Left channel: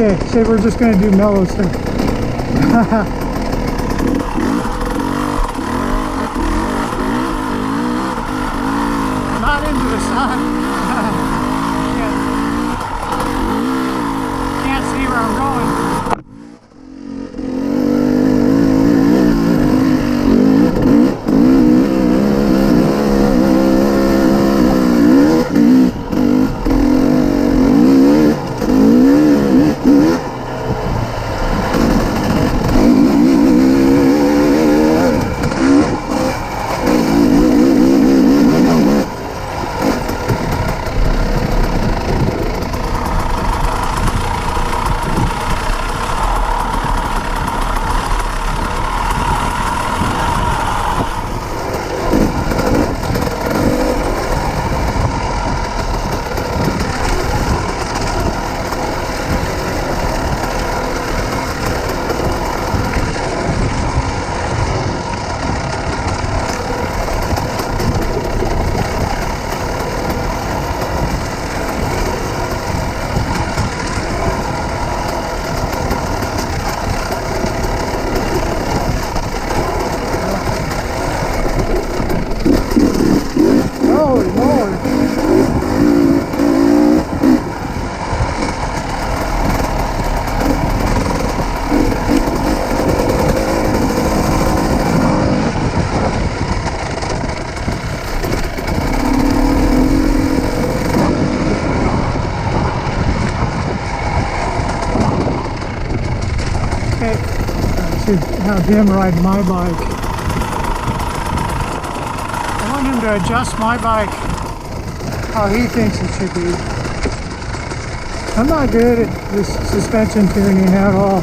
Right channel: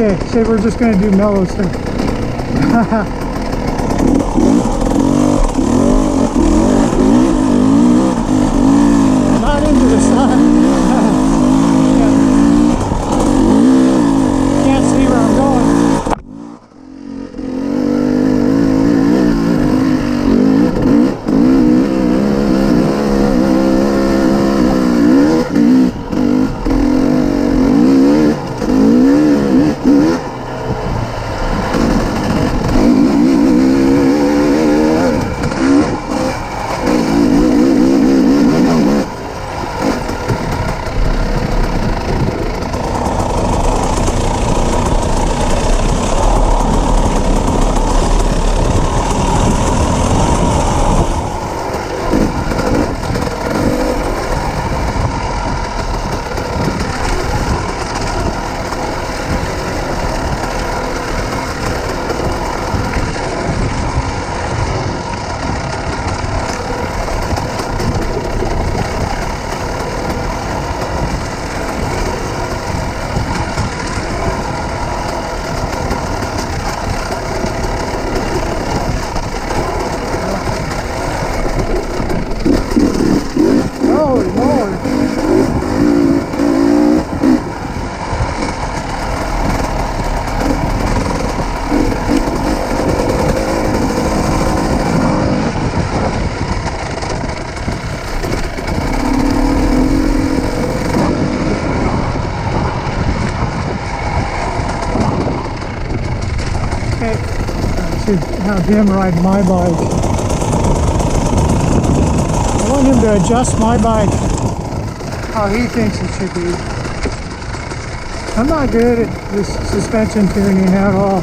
Okay, say we're just gonna do mellow stuff. Not into the sun. Can't see where I'm going. Have him ride my bike. I want him to adjust my bike how he thinks it should be. I'm not good at this suspension tuning at all.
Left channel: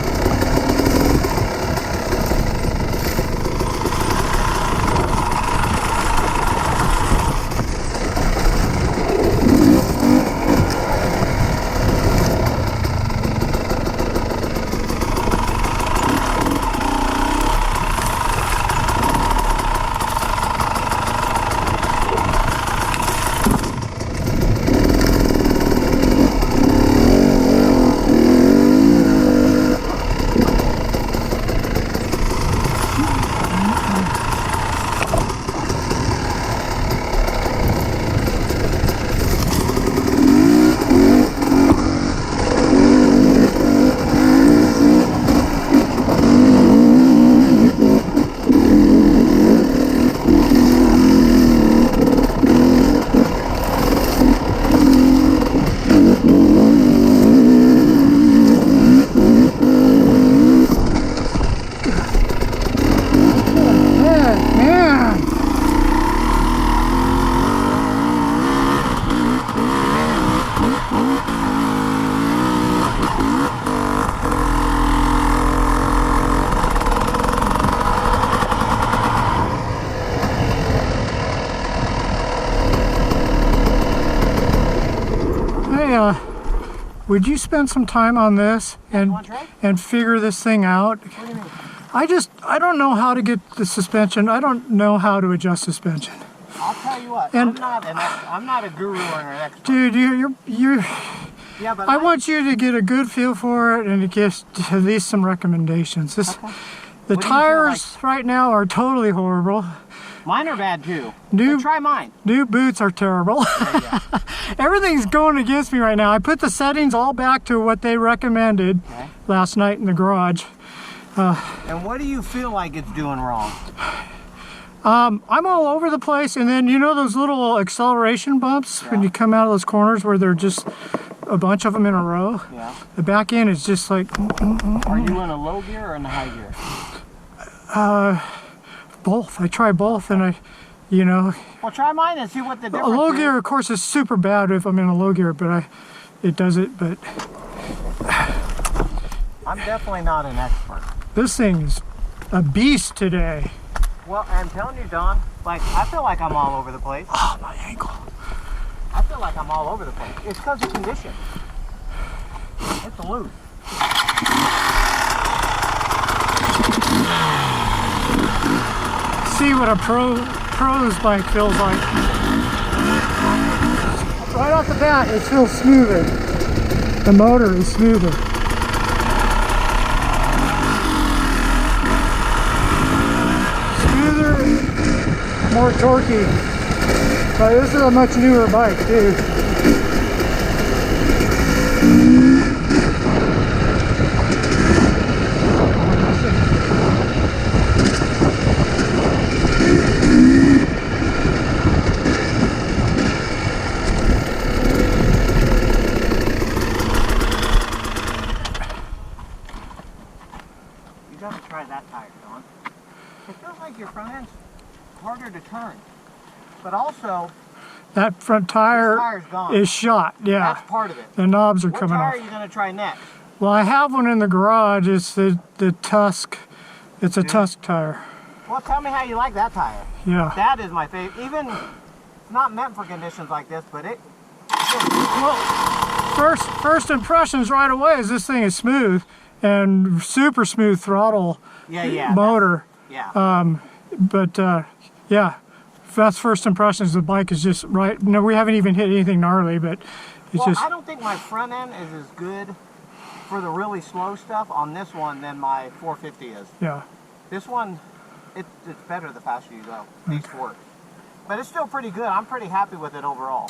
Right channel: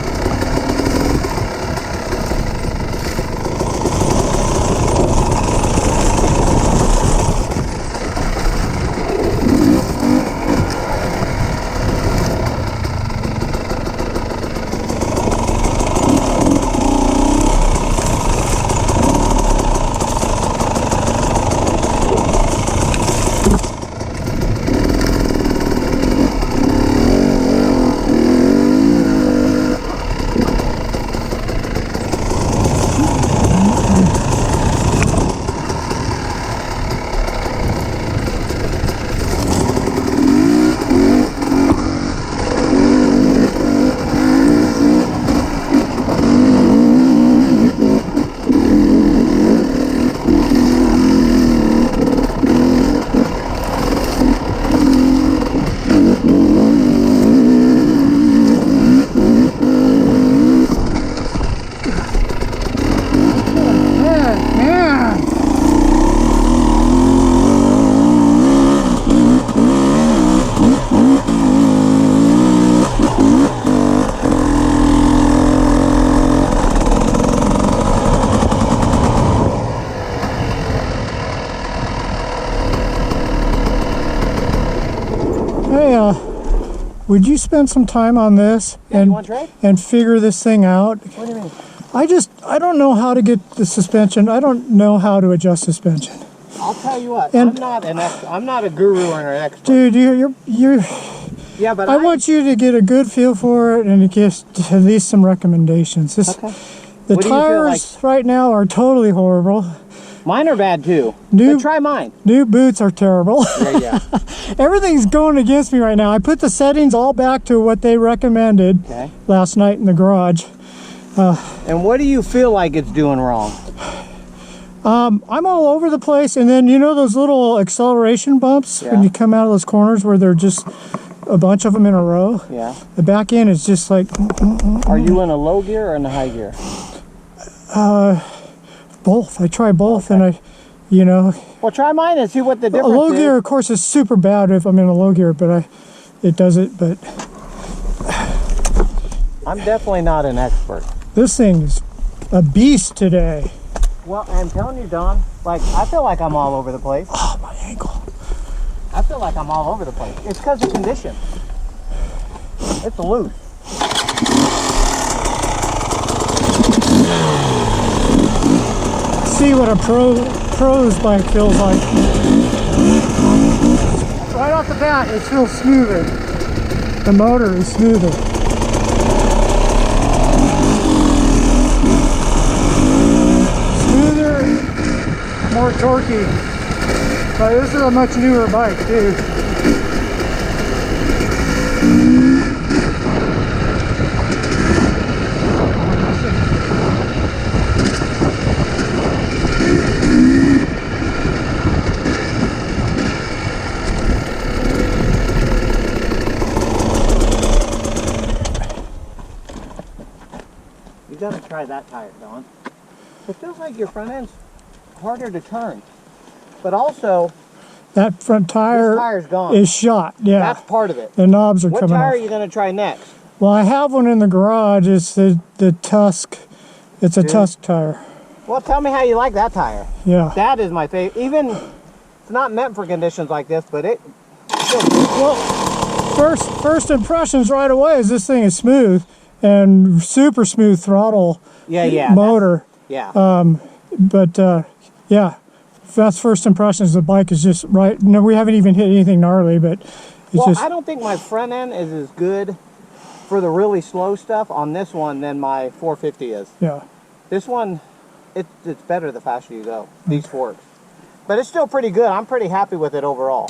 Would you spend some time on this and figure this thing out? What do you mean? I don't know how to get the suspension. I don't know how to adjust suspension. I'll tell you what. And I'm not a guru or an expert. Dude, you're yeah, but I want you to get a good feel for it and to get at least some recommendations. Okay. The tires right now are totally horrible. Mine are bad too. But try mine. New boots are terrible. Yeah. Everything's going against me right now. I put the settings all back to what they recommended last night in the garage. And what do you feel like it's doing wrong? I'm all over the place, and then you know those little acceleration bumps when you come out of those corners where they're just a bunch of them in a row? Yeah. The back end is just like... Are you in a low gear or in a high gear? Both. I try both, and you know... Well, try mine and see what the difference is. A low gear, of course, is super bad if I'm in a low gear, but it does it, but... I'm definitely not an expert. This thing is a beast today. Well, I'm telling you, Don, like, I feel like I'm all over the place. Oh, my ankle. I feel like I'm all over the place. It's because of condition. It's loose. See what a pro's bike feels like. Right off the bat, it feels smoother. The motor is smoother. more torquey. But this is a much newer bike too. You gotta try that tire, Don. It feels like your front end's harder to turn. But also, That front this tire tire's gone. is shot. Yeah, That's part of it. the knobs are What coming tire off. are you gonna try next? Well, I have one in the garage. It's the Tusk. It's a Tusk tire. Well, tell me how you like that tire. Yeah. That is my favorite. Even, it's not meant for conditions like this, but it. Well, first impressions right away is this thing is smooth and super smooth throttle Yeah. motor. Yeah. Yeah, that's first impressions. The bike is just right. No, we haven't even hit anything gnarly, but it's Well, just. I don't think my front end is as good for the really slow stuff on this one than my 450 is. Yeah. This one, it's better the faster you go, these forks. But it's still pretty good. I'm pretty happy with it overall.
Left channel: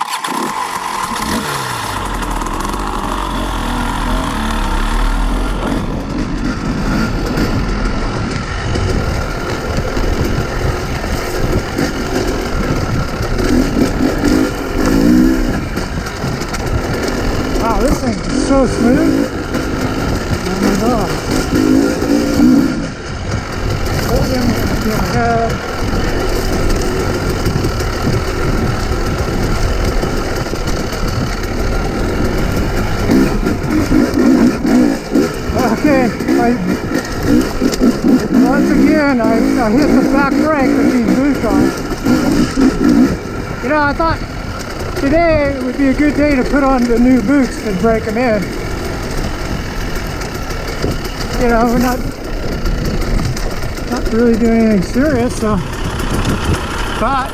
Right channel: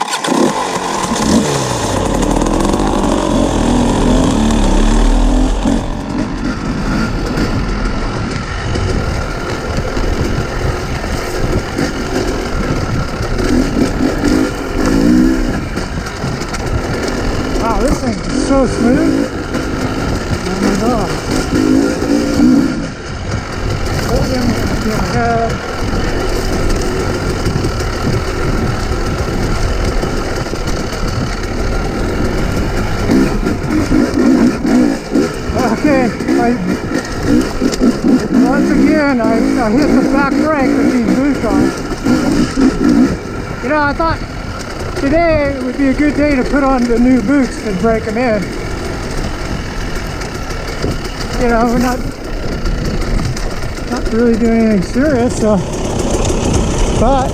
Wow, this thing is so smooth. Oh my god. Hold him in your head. Okay, once again, I hit the back brake with these boots on. You know, I thought today would be a good day to put on the new boots and break them in. You know, we're not really doing anything serious, so, but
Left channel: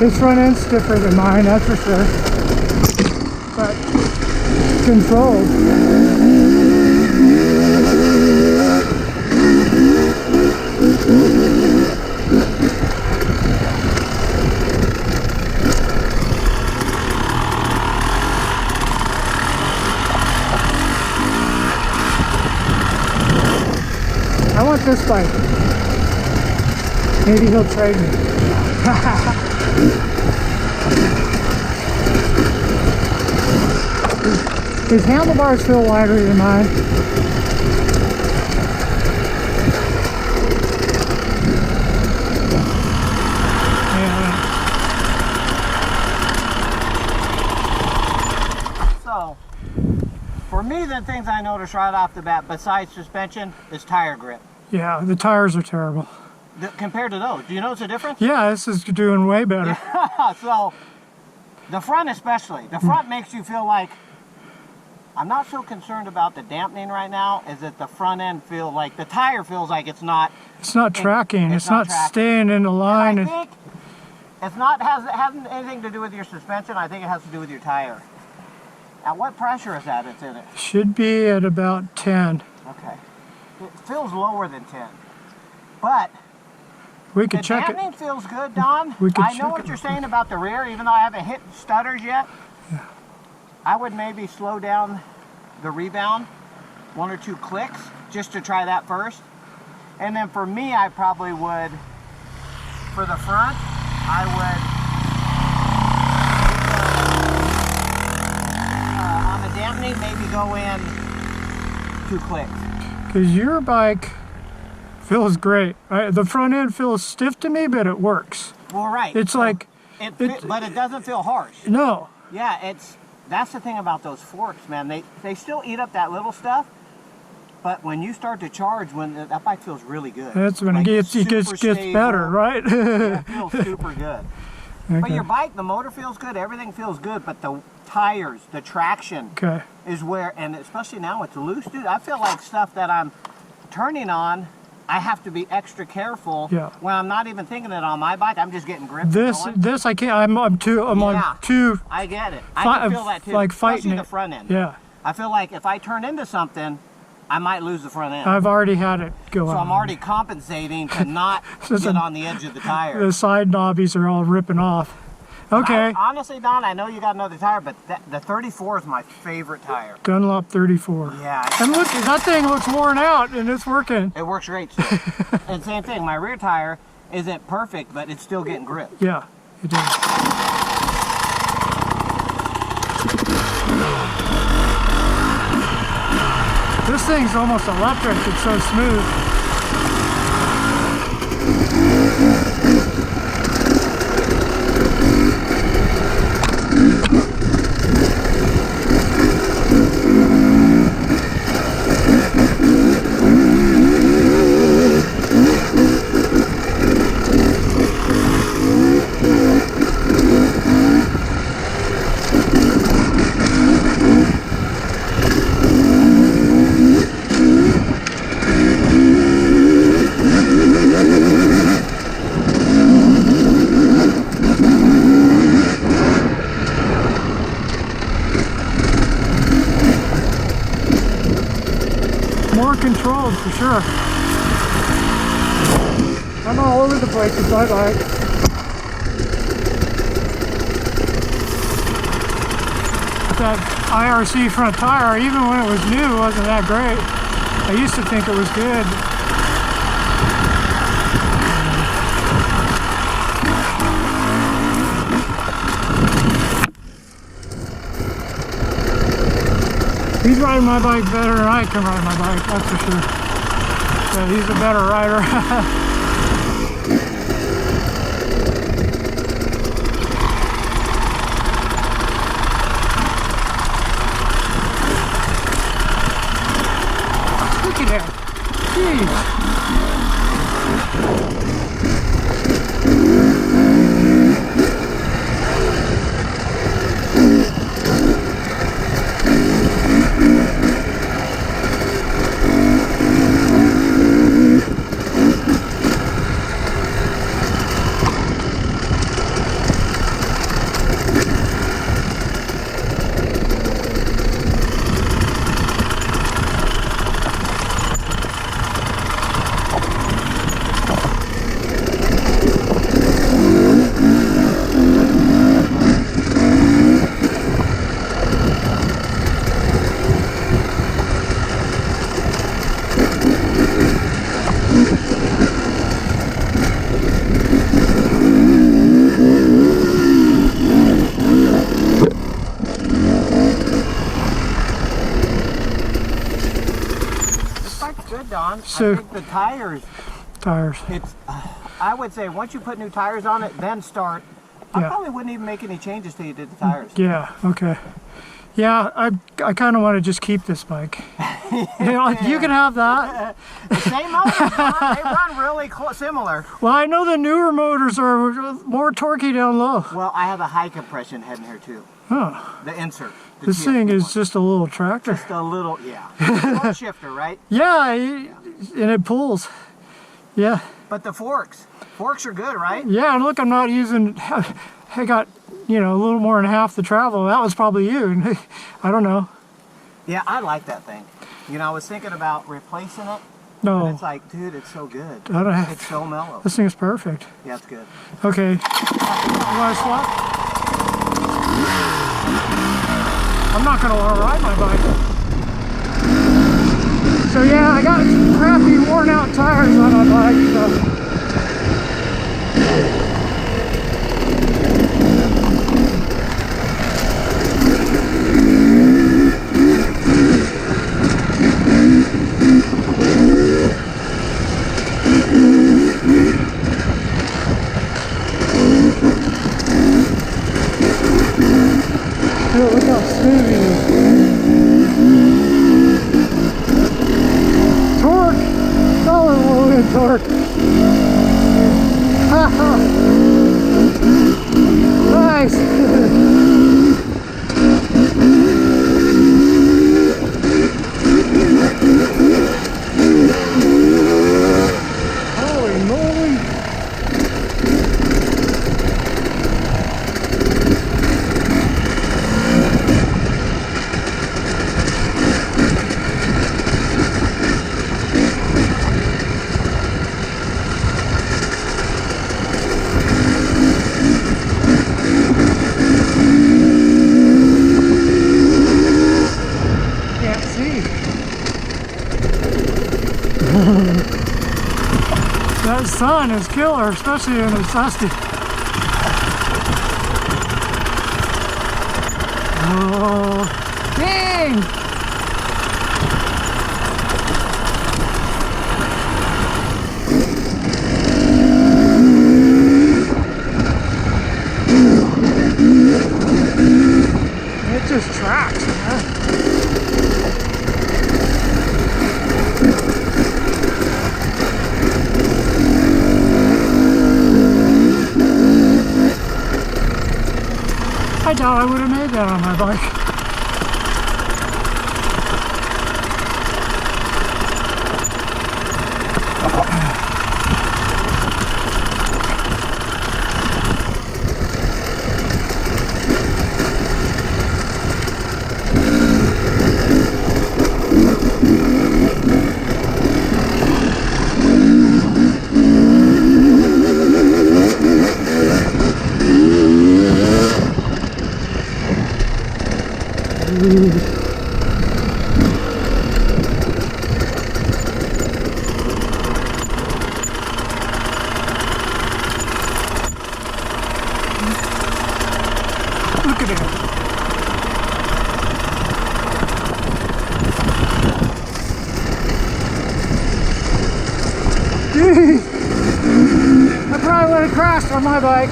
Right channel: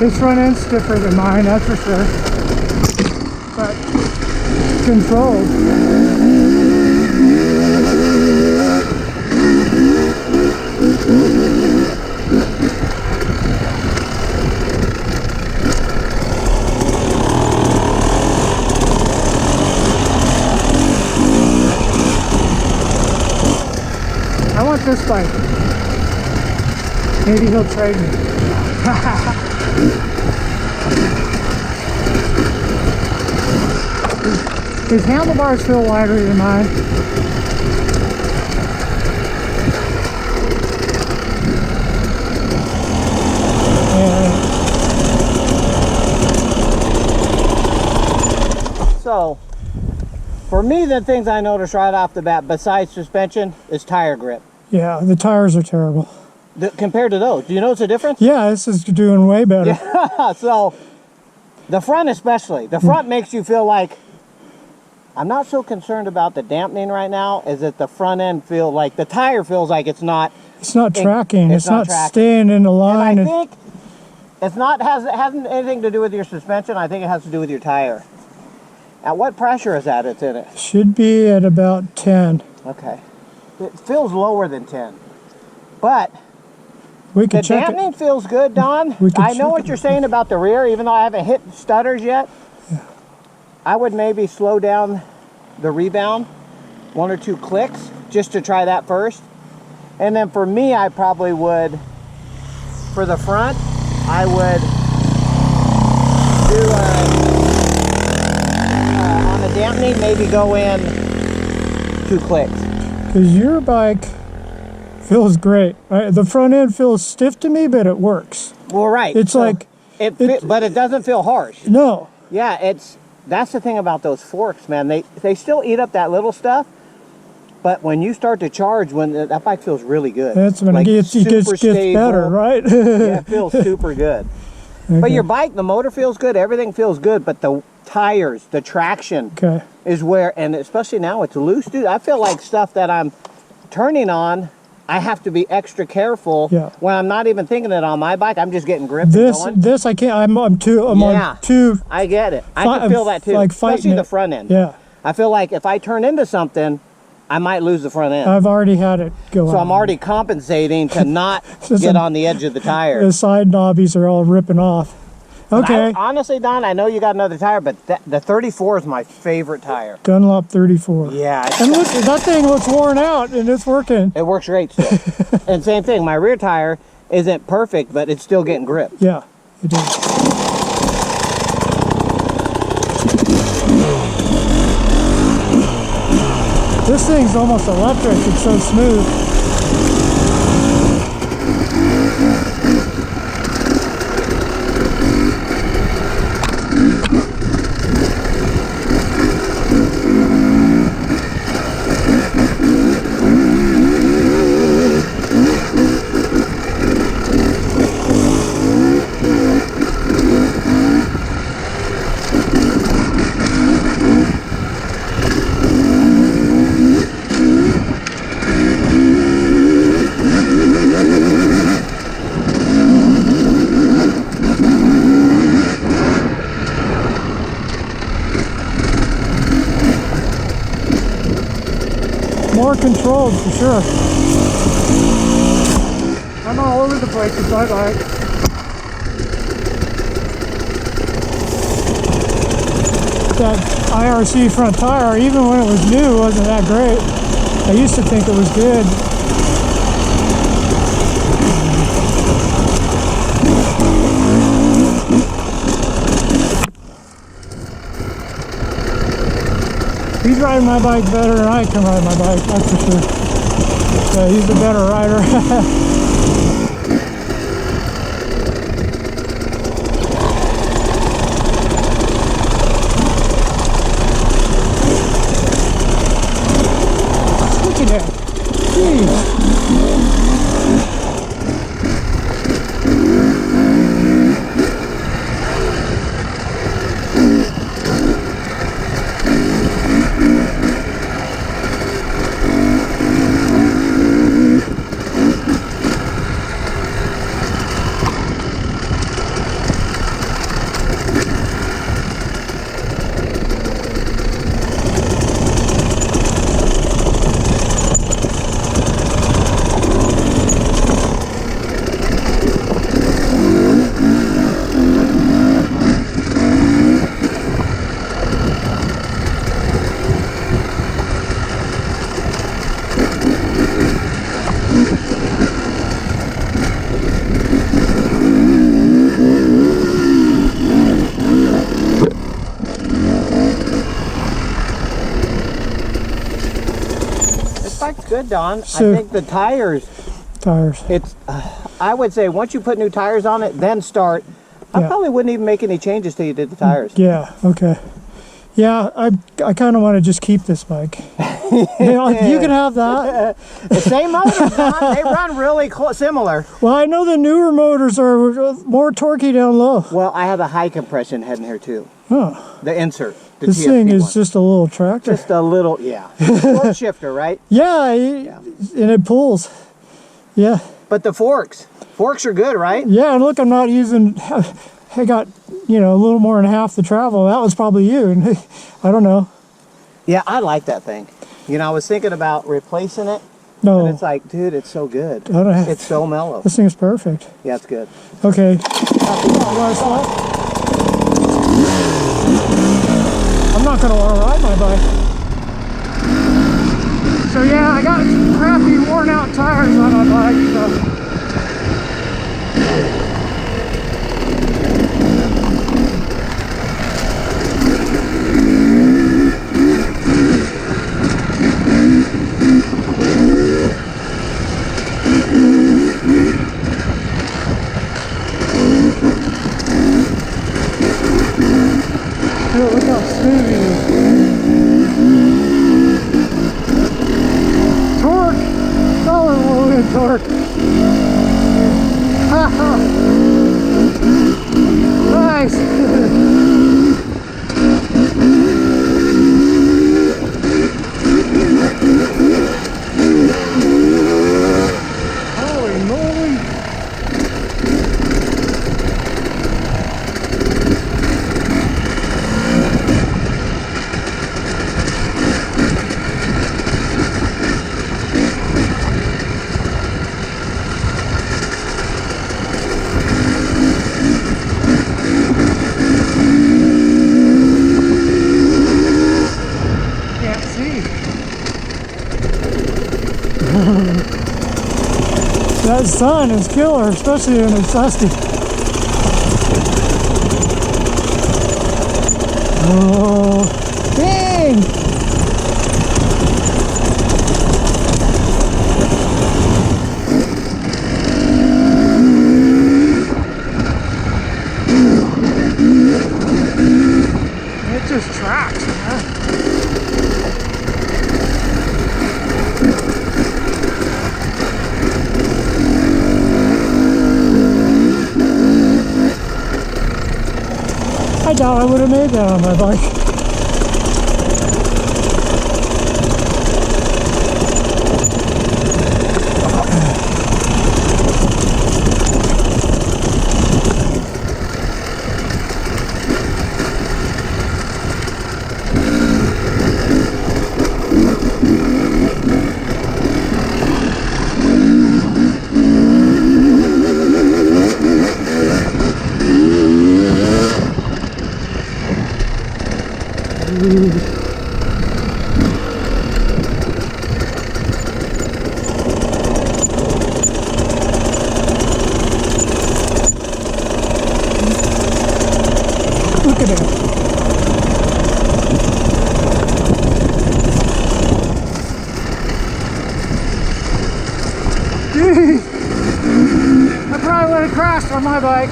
this front end's stiffer than mine, that's for sure. But controlled. I want this bike. Maybe he'll trade me. His handlebars feel wider than mine. So, for me, the things I noticed right off the bat, besides suspension, is tire grip. Yeah, the tires are terrible. Compared to those, do you notice a difference? Yeah, this is doing way better. Yeah, so, the front especially. The front makes you feel like, I'm not so concerned about the dampening right now, is that the front end feels like, the tire feels like it's not. It's not tracking. It's not tracking. staying in the line. And I think it's not, hasn't anything to do with your suspension. I think it has to do with your tire. At what pressure is that it's in it? Should be at about 10. Okay. It feels lower than 10. But We the could check it. dampening feels good, Don. We could I know check what it. you're saying about the rear, even though I haven't hit stutters yet. Yeah. I would maybe slow down the rebound 1 or 2 clicks just to try that first. And then for me, I probably would, for the front, I would do on the dampening, maybe go in 2 clicks. Because your bike feels great. The front end feels stiff to me, but it works. Well, right. It's So like... but it doesn't feel harsh. No. Yeah, that's the thing about those forks, man. They still eat up that little stuff, but when you start to charge, that bike feels really good. That's when Like, it gets super better, stable. right? Yeah, it feels super good. Okay. But your bike, the motor feels good, everything feels good, but the tires, the traction Okay. is where, and especially now it's loose, dude. I feel like stuff that I'm turning on I have to be extra careful. Yeah. When I'm not even thinking it on my bike, I'm just getting gripped. This I can't. I'm on two. I get it. I can feel that too. Like especially fighting the front end. Yeah. I feel like if I turn into something, I might lose the front end. I've already had it go on. So I'm already compensating to not get on the edge of the tire. The side knobbies are all ripping off. Okay. Honestly, Don, I know you got another tire, but the 34 is my favorite tire. Dunlop 34. Yeah. And look, that thing looks worn out and it's working. It works great still. And same thing, my rear tire isn't perfect, but it's still getting grip. Yeah, it is. This thing's almost electric. It's so smooth. More controlled for sure. I'm all over the place with my bike. That IRC front tire, even when it was new, wasn't that great. I used to think it was good. He's riding my bike better than I can ride my bike, that's for sure. Yeah, he's a better rider. Look at that. Jeez. Good, Don. So, I think the tires. It's. I would say once you put new tires on it, then start. I probably wouldn't even make any changes till you did the tires. Yeah. Okay. Yeah, I kind of want to just keep this bike. You can have that. The same motors, Don. They run really similar. Well, I know the newer motors are more torquey down low. Well, I have a high compression head in here too. Oh. The insert. The this TFT thing is one. just a little tractor. Just a little, yeah. Fork shifter, right? Yeah, and it pulls. Yeah. But the forks are good, right? Yeah, and look, I'm not using. I got, a little more than half the travel. That was probably you, and I don't know. Yeah, I like that thing. I was thinking about replacing it. No. But it's like, dude, it's so good. I don't have, it's so mellow. This thing is perfect. Yeah, it's good. Okay. You want to swap? I'm not going to want to ride my bike. So yeah, I got crappy worn out tires on my bike, so. Look how smooth it is. Torque! Solid loaded torque. Nice! That sun is killer, especially when it's dusty. Oh, dang! It just tracks, man. I doubt I would have made that on my bike. Look at it. Jeez. I probably would have crashed on my bike.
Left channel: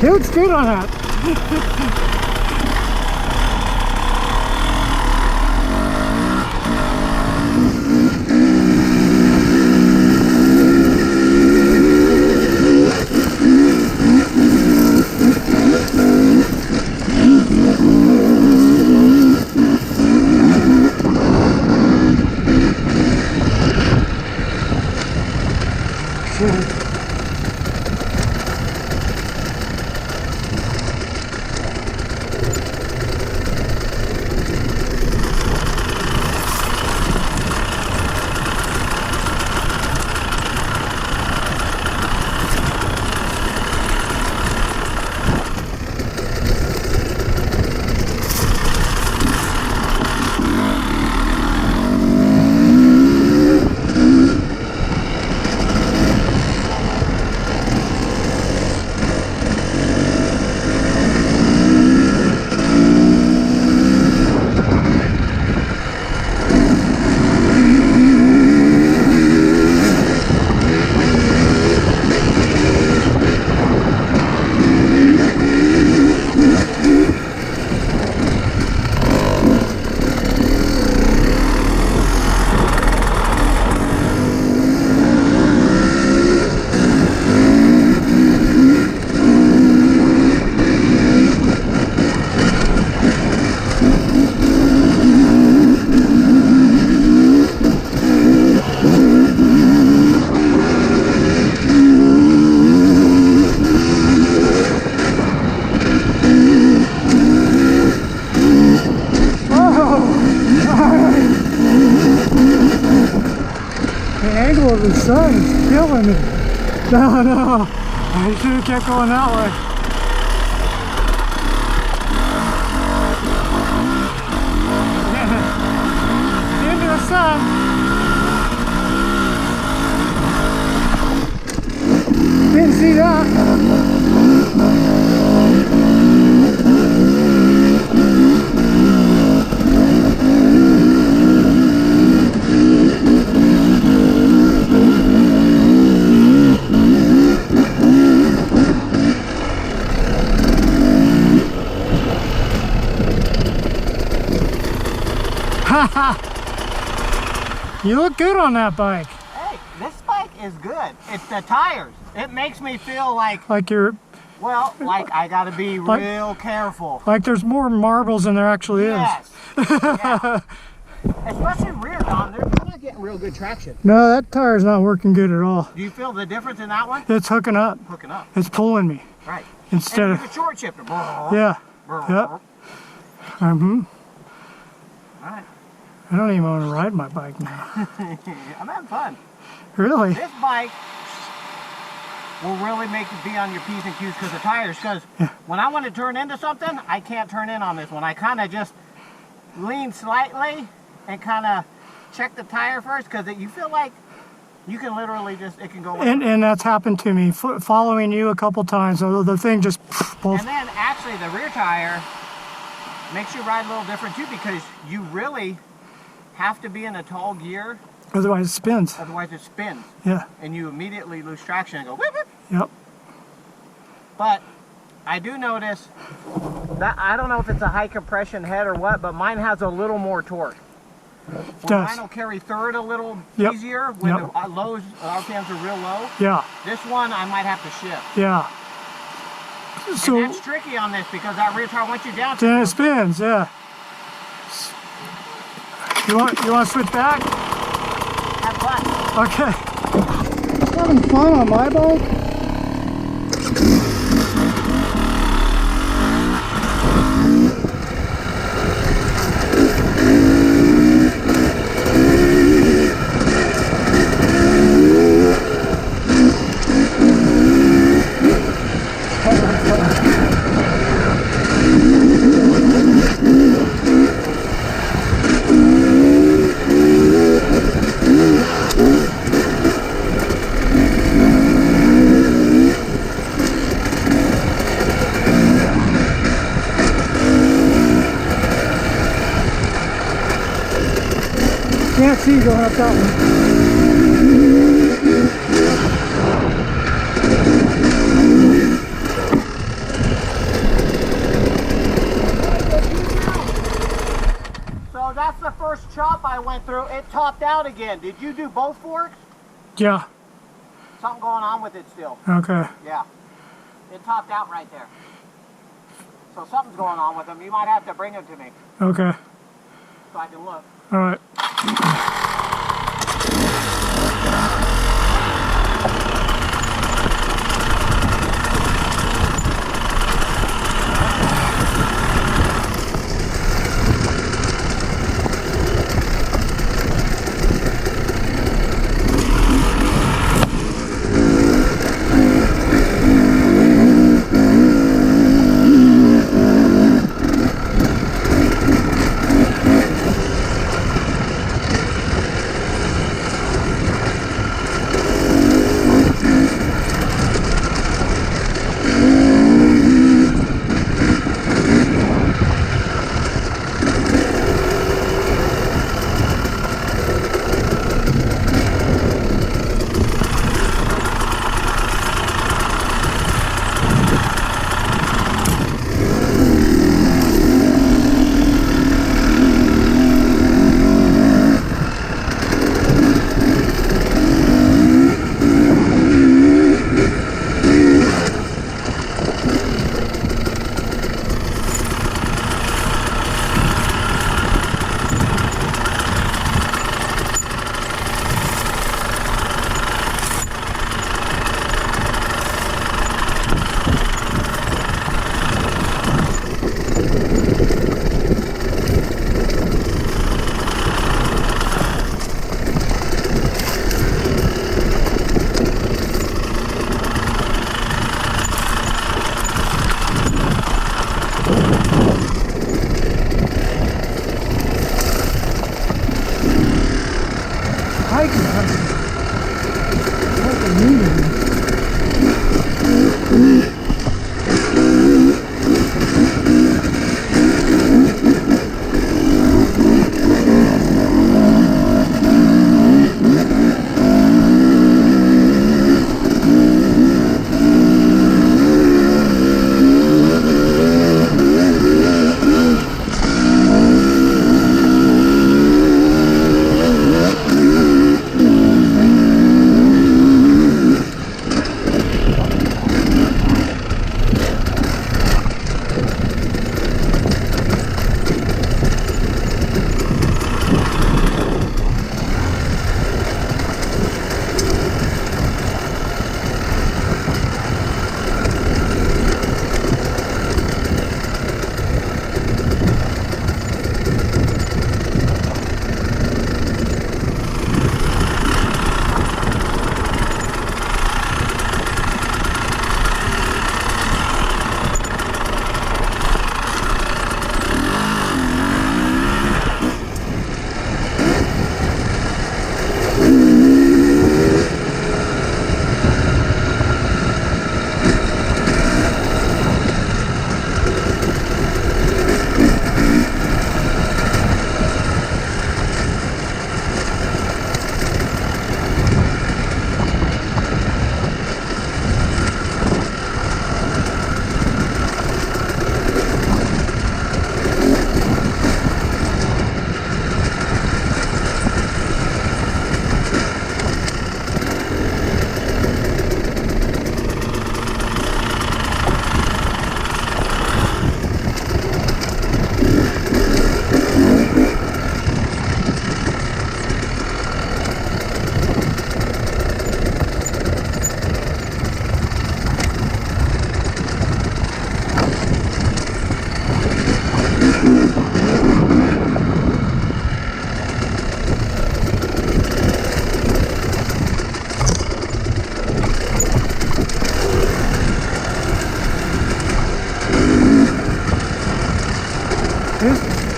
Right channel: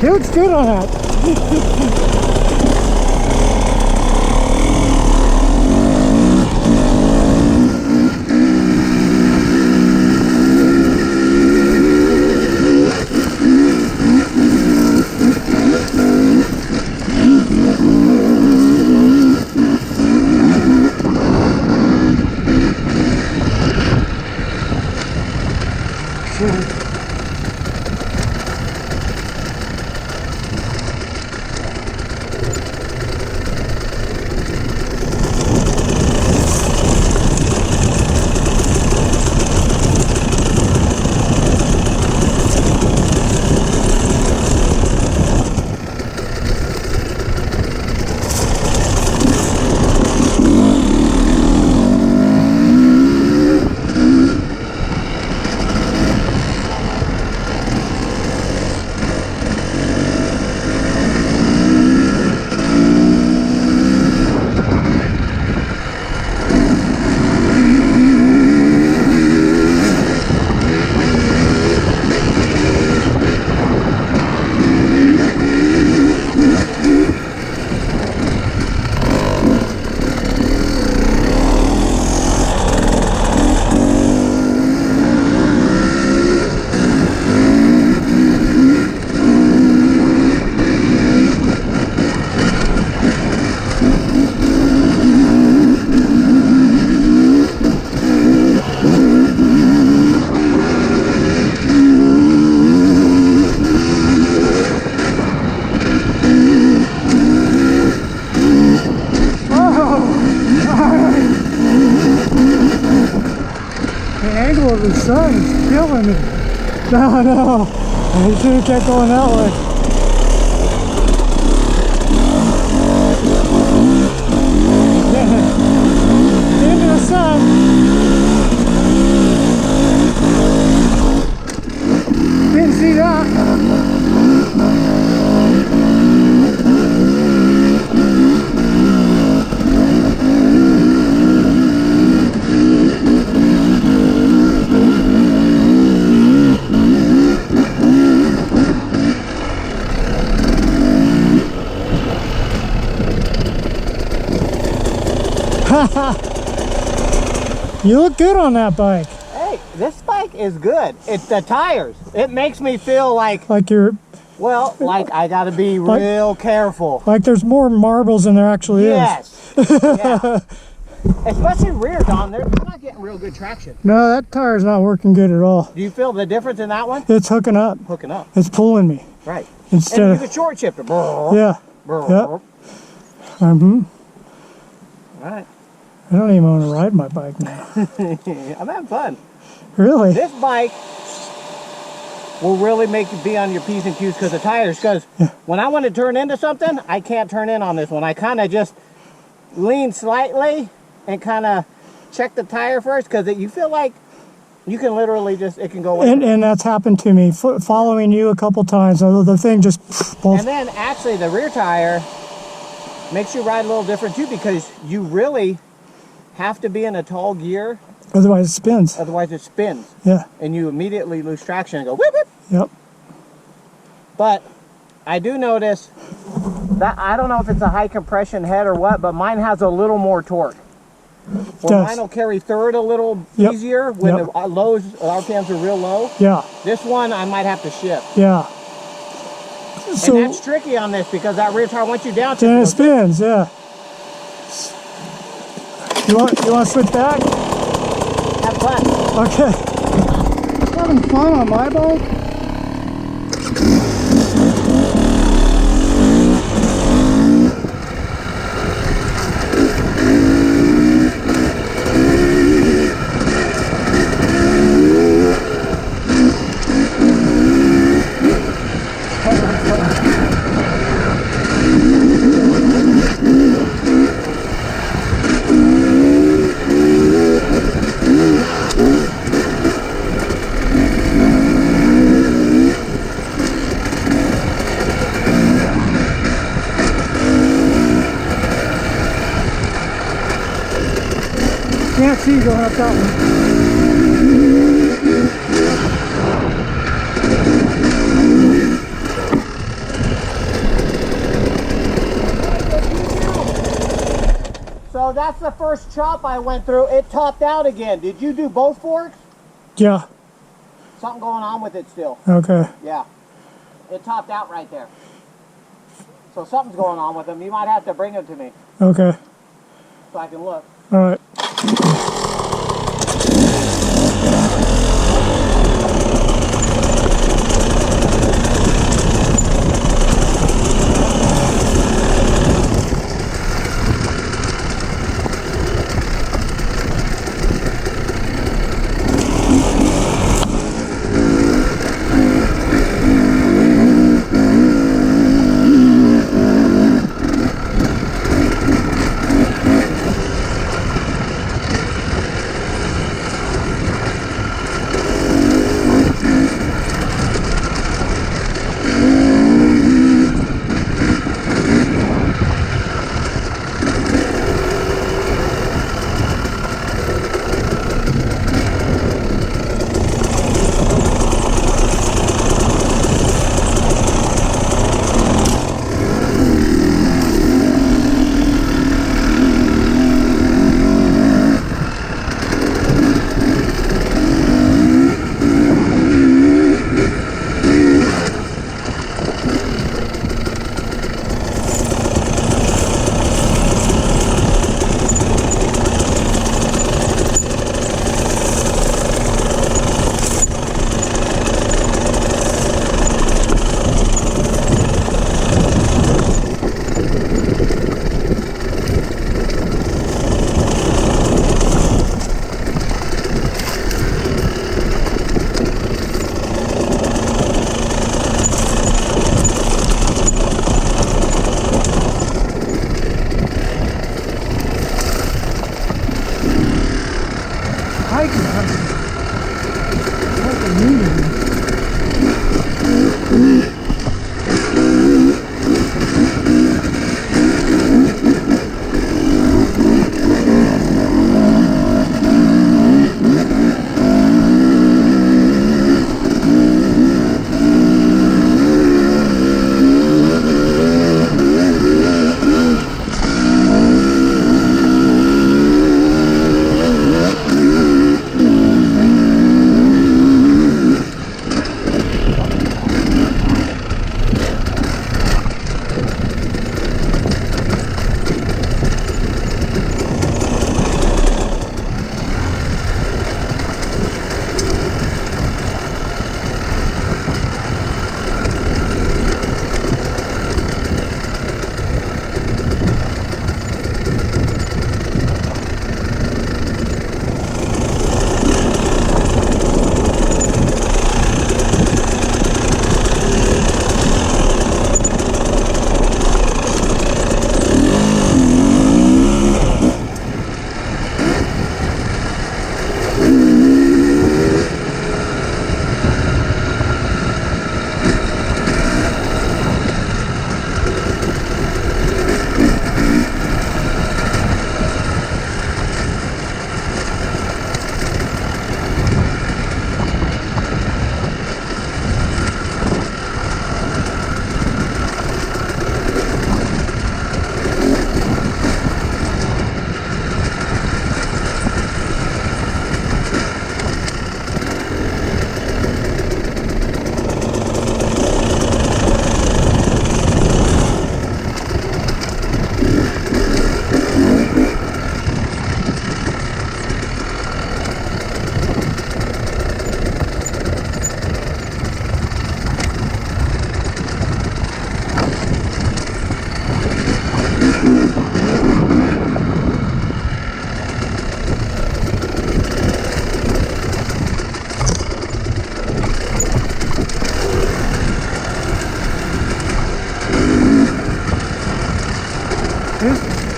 It looks good on that. sun is killing me. No, no. I should have kept going that way. Into the sun. Didn't see that. You look good on that bike. Hey, this bike is good. It's the tires. It makes me feel like you're, well, like I gotta be real careful. Like there's more marbles than there actually is. Yeah. Especially rear, Don. You're not getting real good traction. No, that tire's not working good at all. Do you feel the difference in that one? It's hooking up. Hooking up. It's pulling me. Right. Instead and of you can short shift it. Yeah. Yep. Mm-hmm. All right. I don't even want to ride my bike now. I'm having fun. Really? This bike will really make you be on your P's and Q's because of tires. Because when I want to turn into something, I can't turn in on this one. I kind of just lean slightly and kind of check the tire first because you feel like you can literally just, it can go away. And that's happened to me, following you a couple times. The thing just... And then actually the rear tire makes you ride a little different too because you really have to be in a tall gear. Otherwise it spins. Otherwise it spins. Yeah. And you immediately lose traction and go whip, whip. Yep. But I do notice that, I don't know if it's a high compression head or what, but mine has a little more torque. Well, mine will carry third a little easier when the lows, RPMs are real low. Yeah. This one I might have to shift. Yeah. So and that's tricky on this because that rear tire, once you down, then it spins. Yeah. You want to switch back? Have fun. Okay. Having fun on my bike. Can't see going up that one. So that's the first chop I went through. It topped out again. Did you do both forks? Yeah. Something going on with it still. Okay. Yeah. It topped out right there. So something's going on with them. You might have to bring them to me. Okay. So I can look. All right.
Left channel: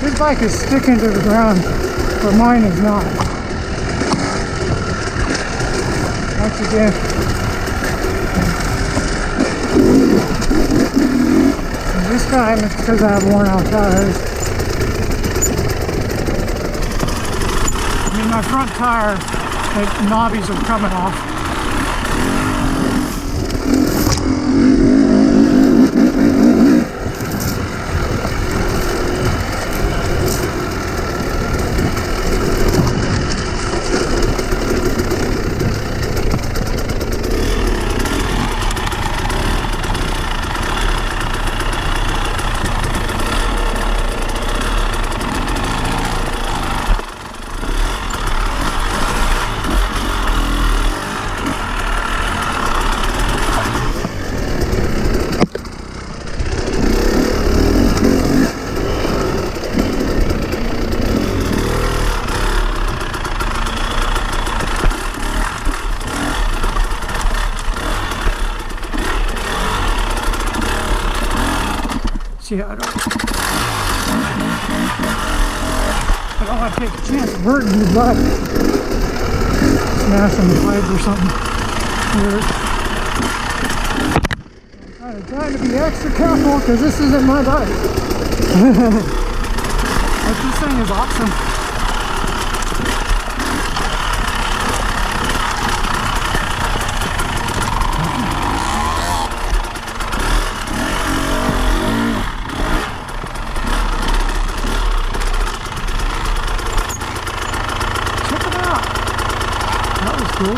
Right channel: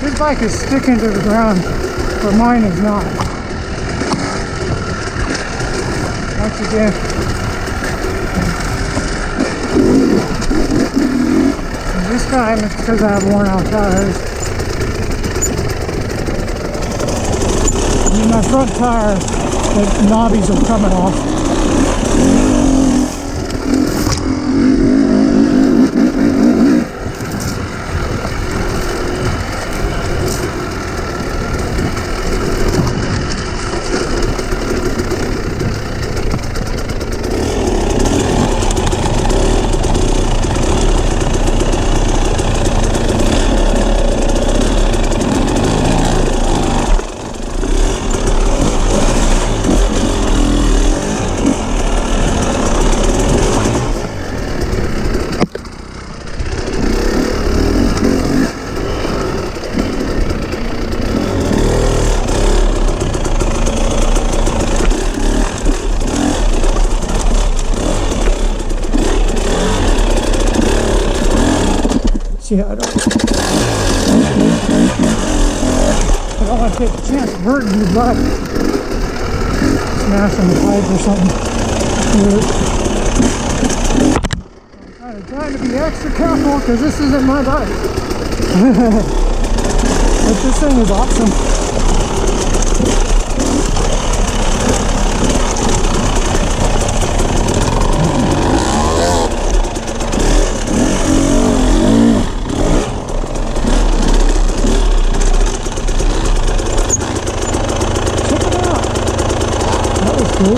His bike is sticking to the ground, but mine is not. Once again. And this time it's because I have worn out tires. I mean, my front tire, the knobbies are coming off. Yeah, I don't want to take a chance of hurting your butt. Smashing the pipe or something. I'm trying to be extra careful because this isn't my bike. But this thing is awesome. Cool.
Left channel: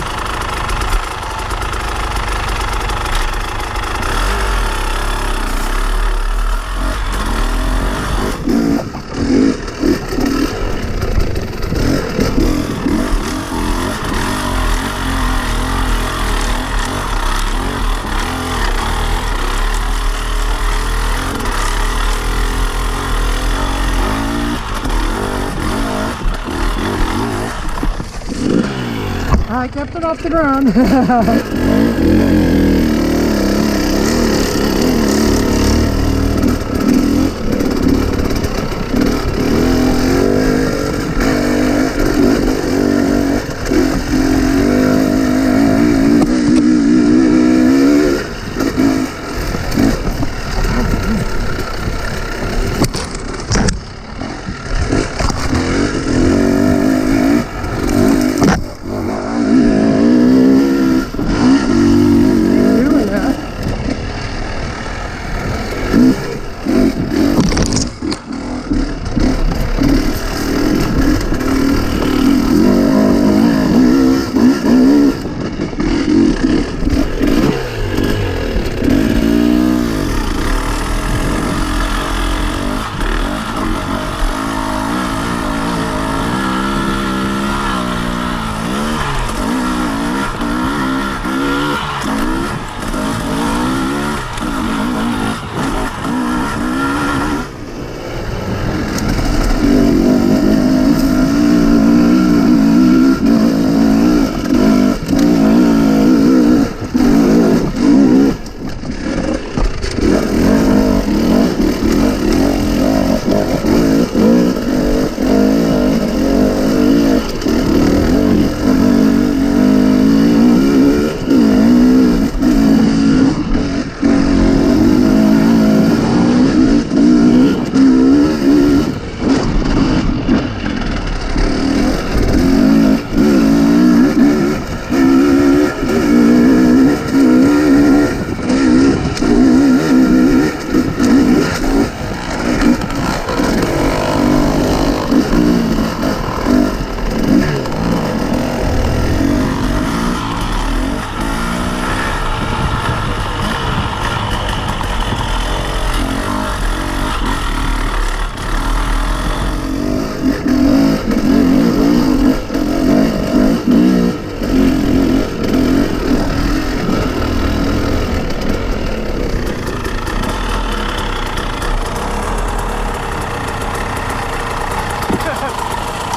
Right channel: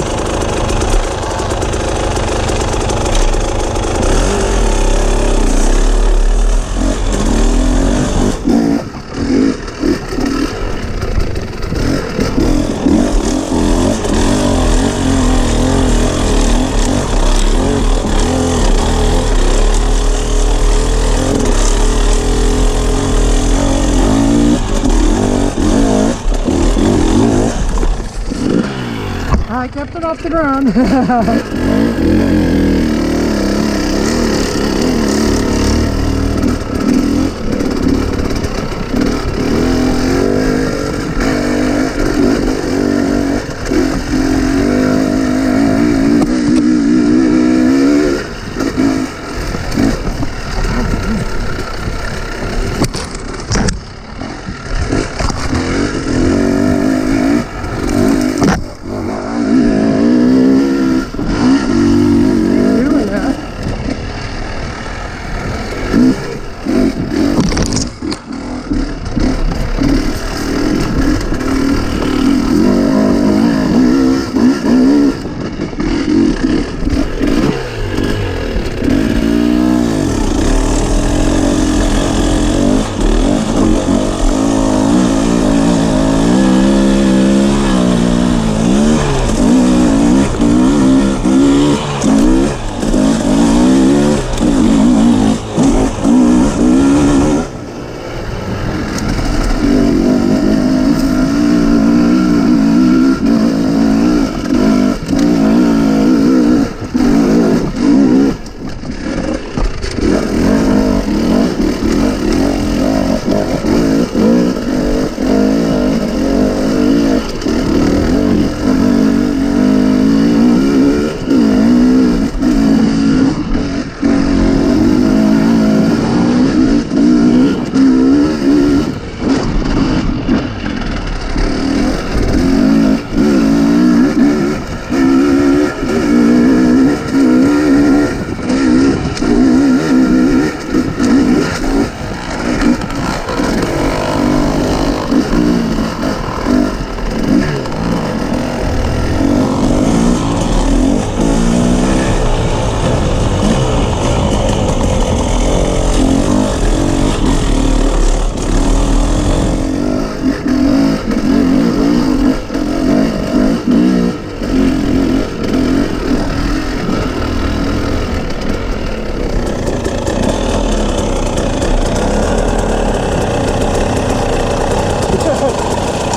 I kept it off the ground.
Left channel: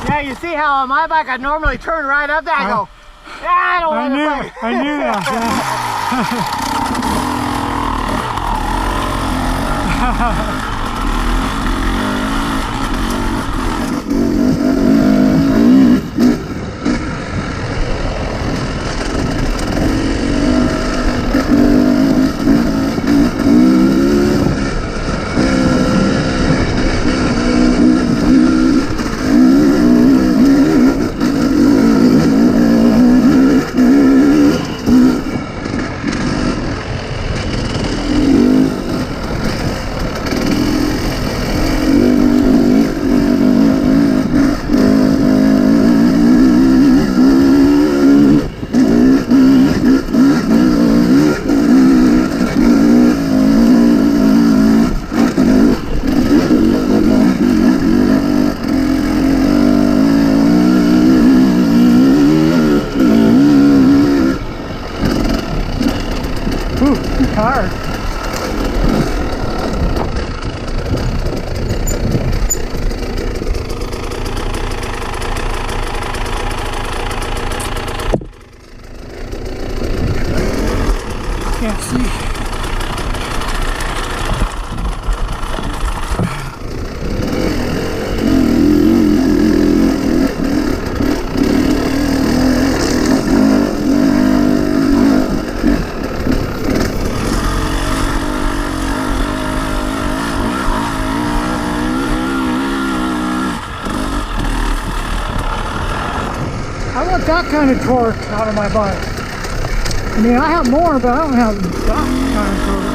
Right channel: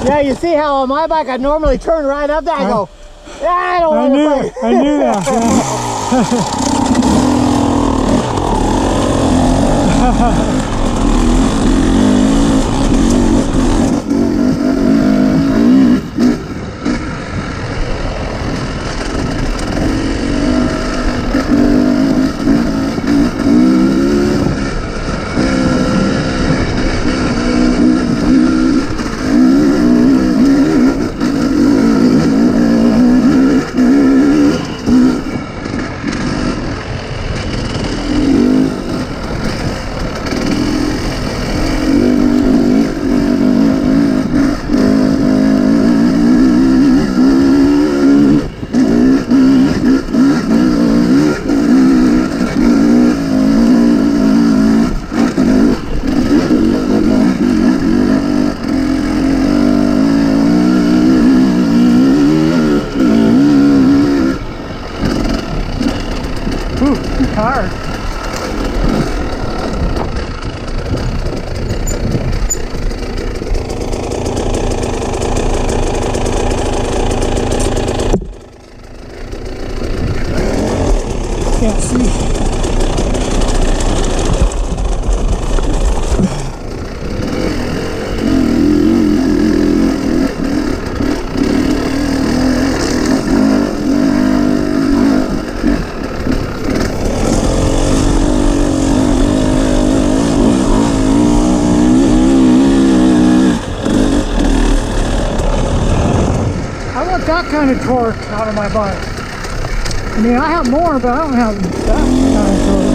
Yeah, you see how on my bike I normally turn right up there. I go, yeah, I don't want to play. I knew that. Yeah. Let's see. I want that kind of torque out of my bike. I mean, I have more, but I don't have that kind of torque.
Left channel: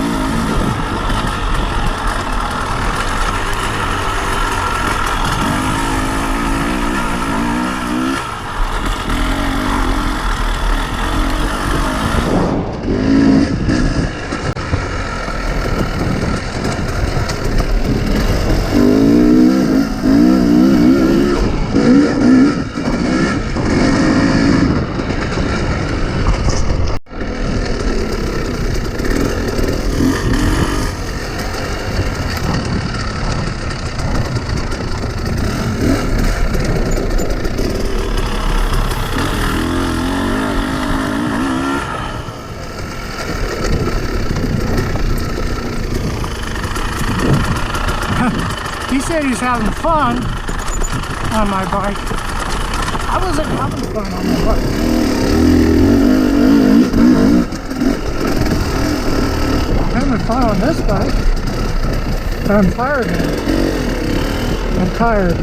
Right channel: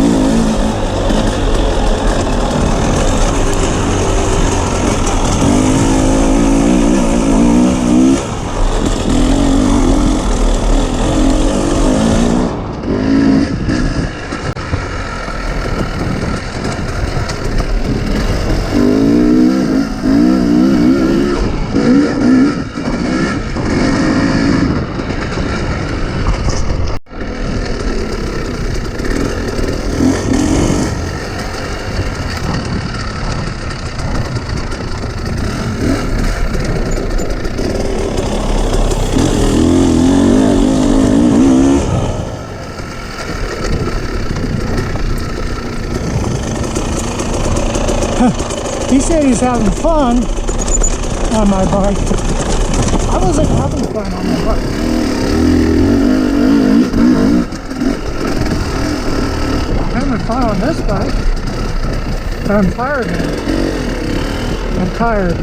He said he's having fun on my bike. I wasn't having fun on my bike. I'm having fun on this bike, but I'm tired now. I'm tired.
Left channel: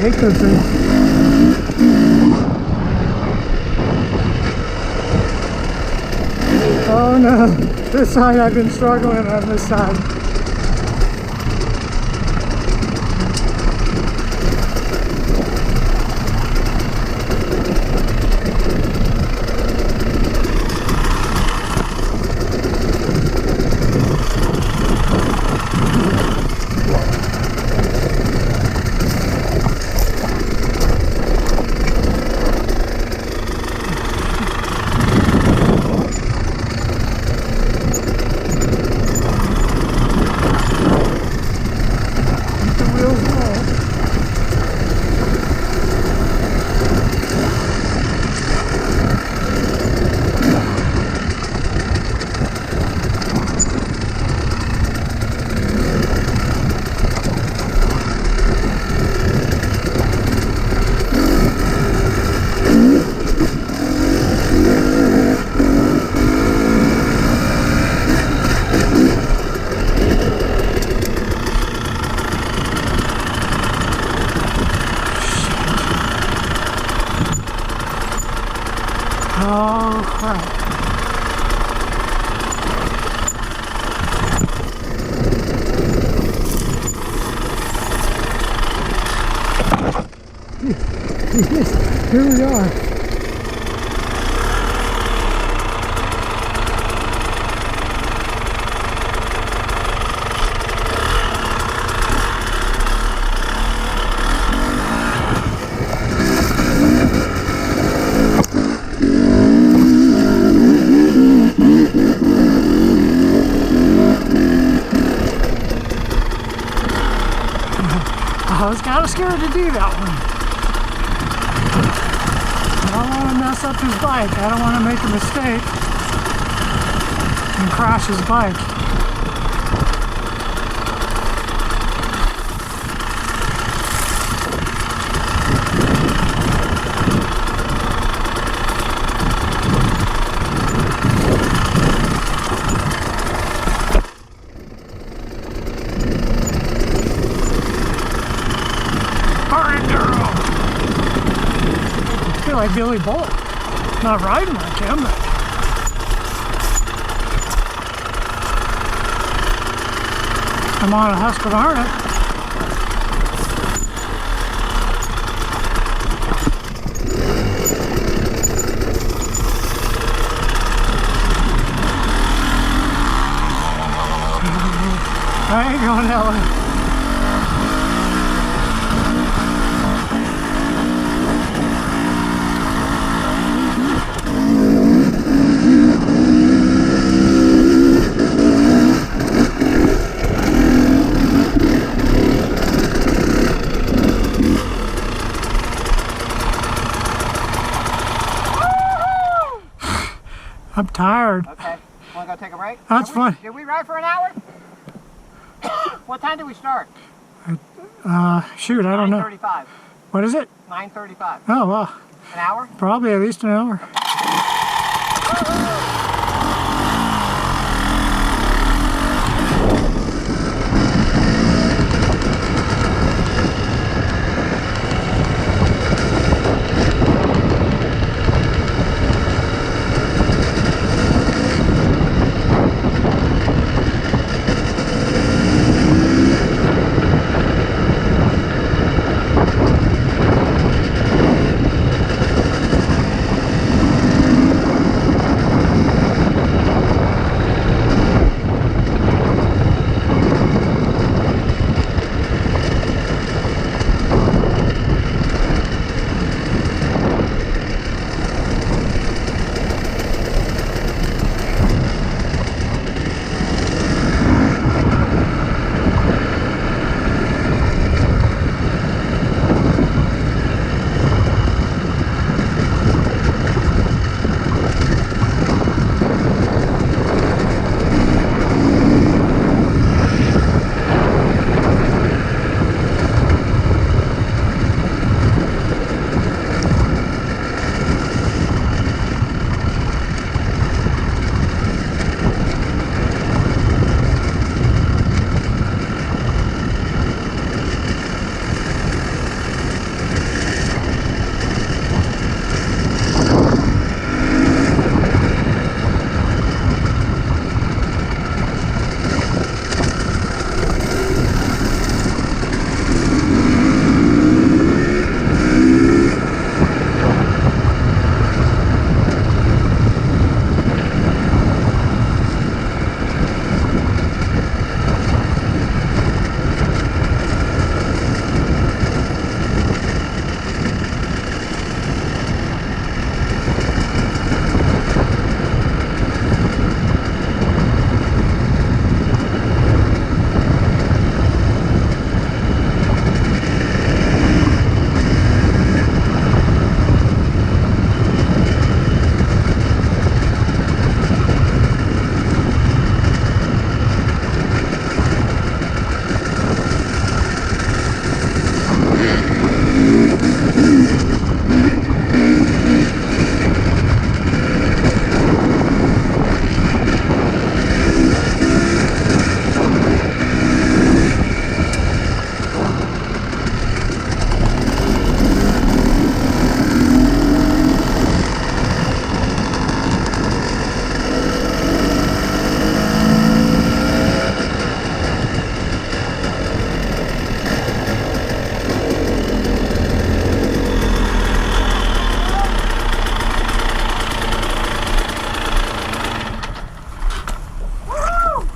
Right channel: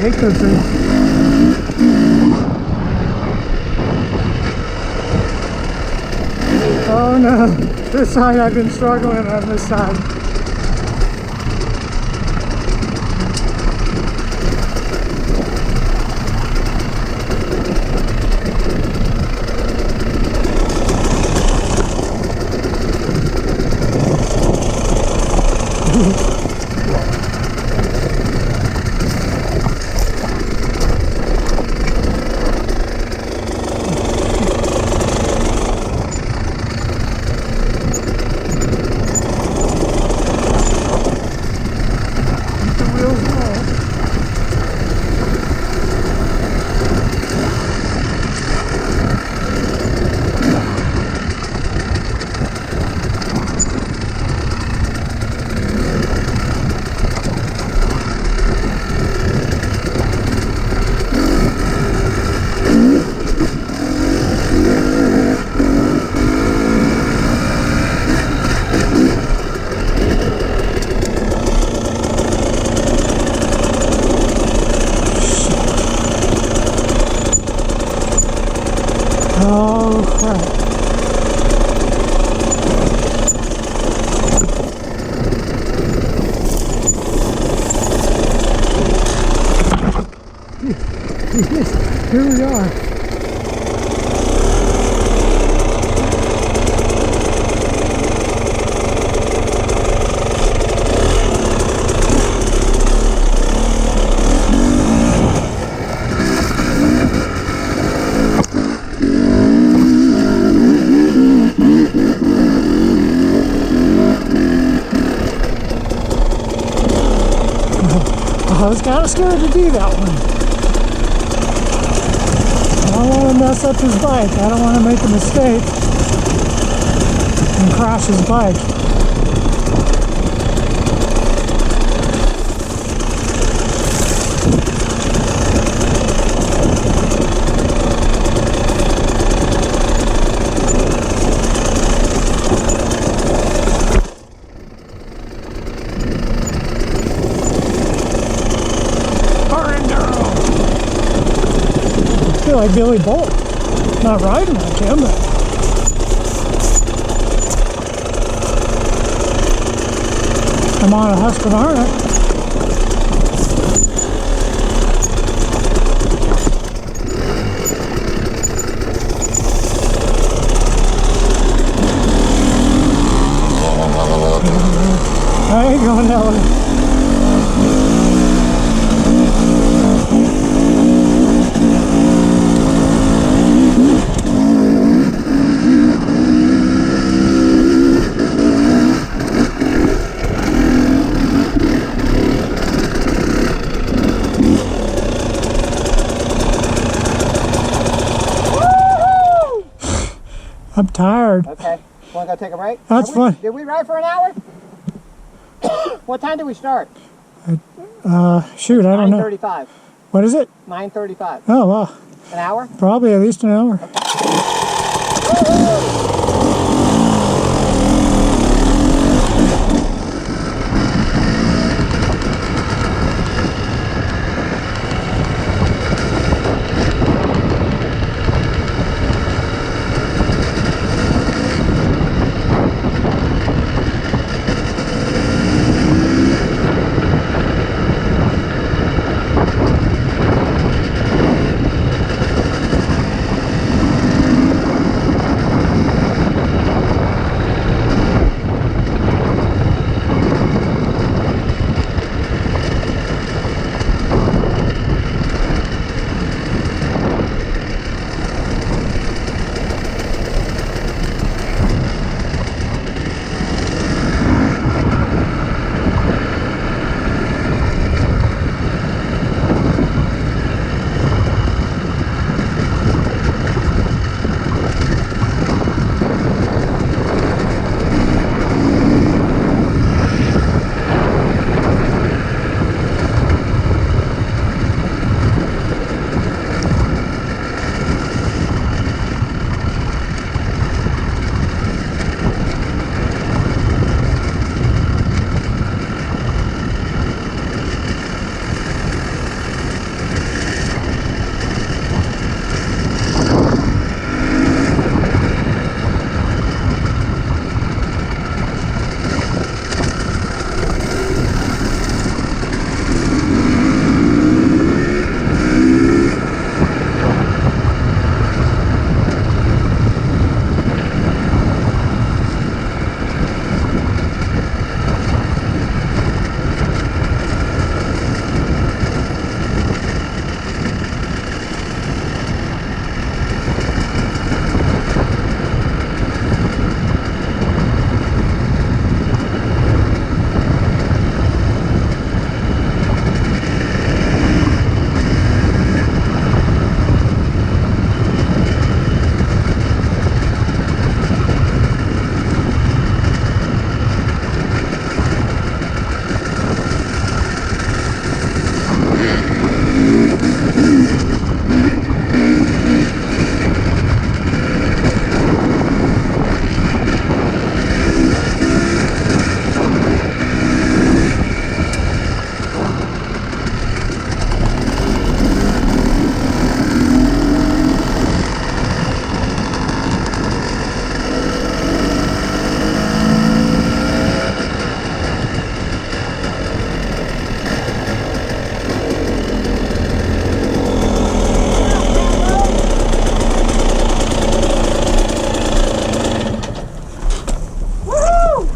I hate those things. Oh no, this side I've been struggling on this side. Oh crap. Yes, here we are. I was kind of scared to do that one. I don't want to mess up his bike. I don't want to make a mistake and crash his bike. I feel like Billy Bolt. Not riding like him, but I'm on a Husqvarna. ain't going that way. I'm tired. Okay. Want to go take a break? That's fun. Did we ride for an hour? What time did we start? Shoot, I don't know. 9:35. What is it? 9:35. Oh, wow. An hour? Probably at least an hour.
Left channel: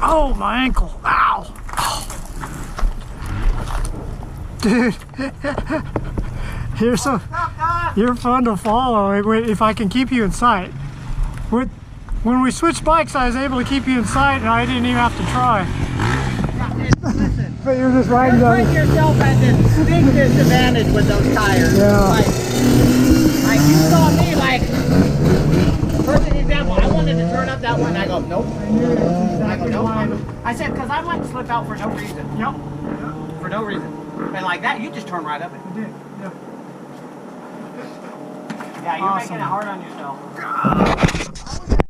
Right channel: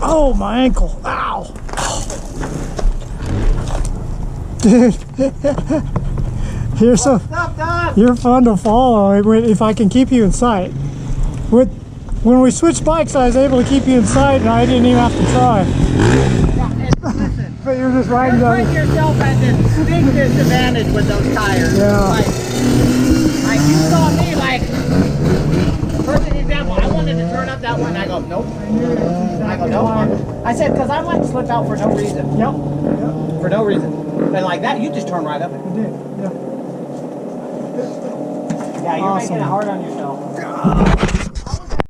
Oh, my ankle. Ow. Dude. You're fun to follow if I can keep you in sight. When we switched bikes, I was able to keep you in sight and I didn't even have to try. Listen, But you're just riding you're down. putting yourself at this big disadvantage with those tires. Yeah. Like you saw me, like, perfect example, I wanted to turn up that one, and I go, nope. I go, nope. I said, because I might slip out for no reason. Yep. For no reason. And like that, you just turn right up it. You did. Yeah. Yeah, you're making it hard on yourself.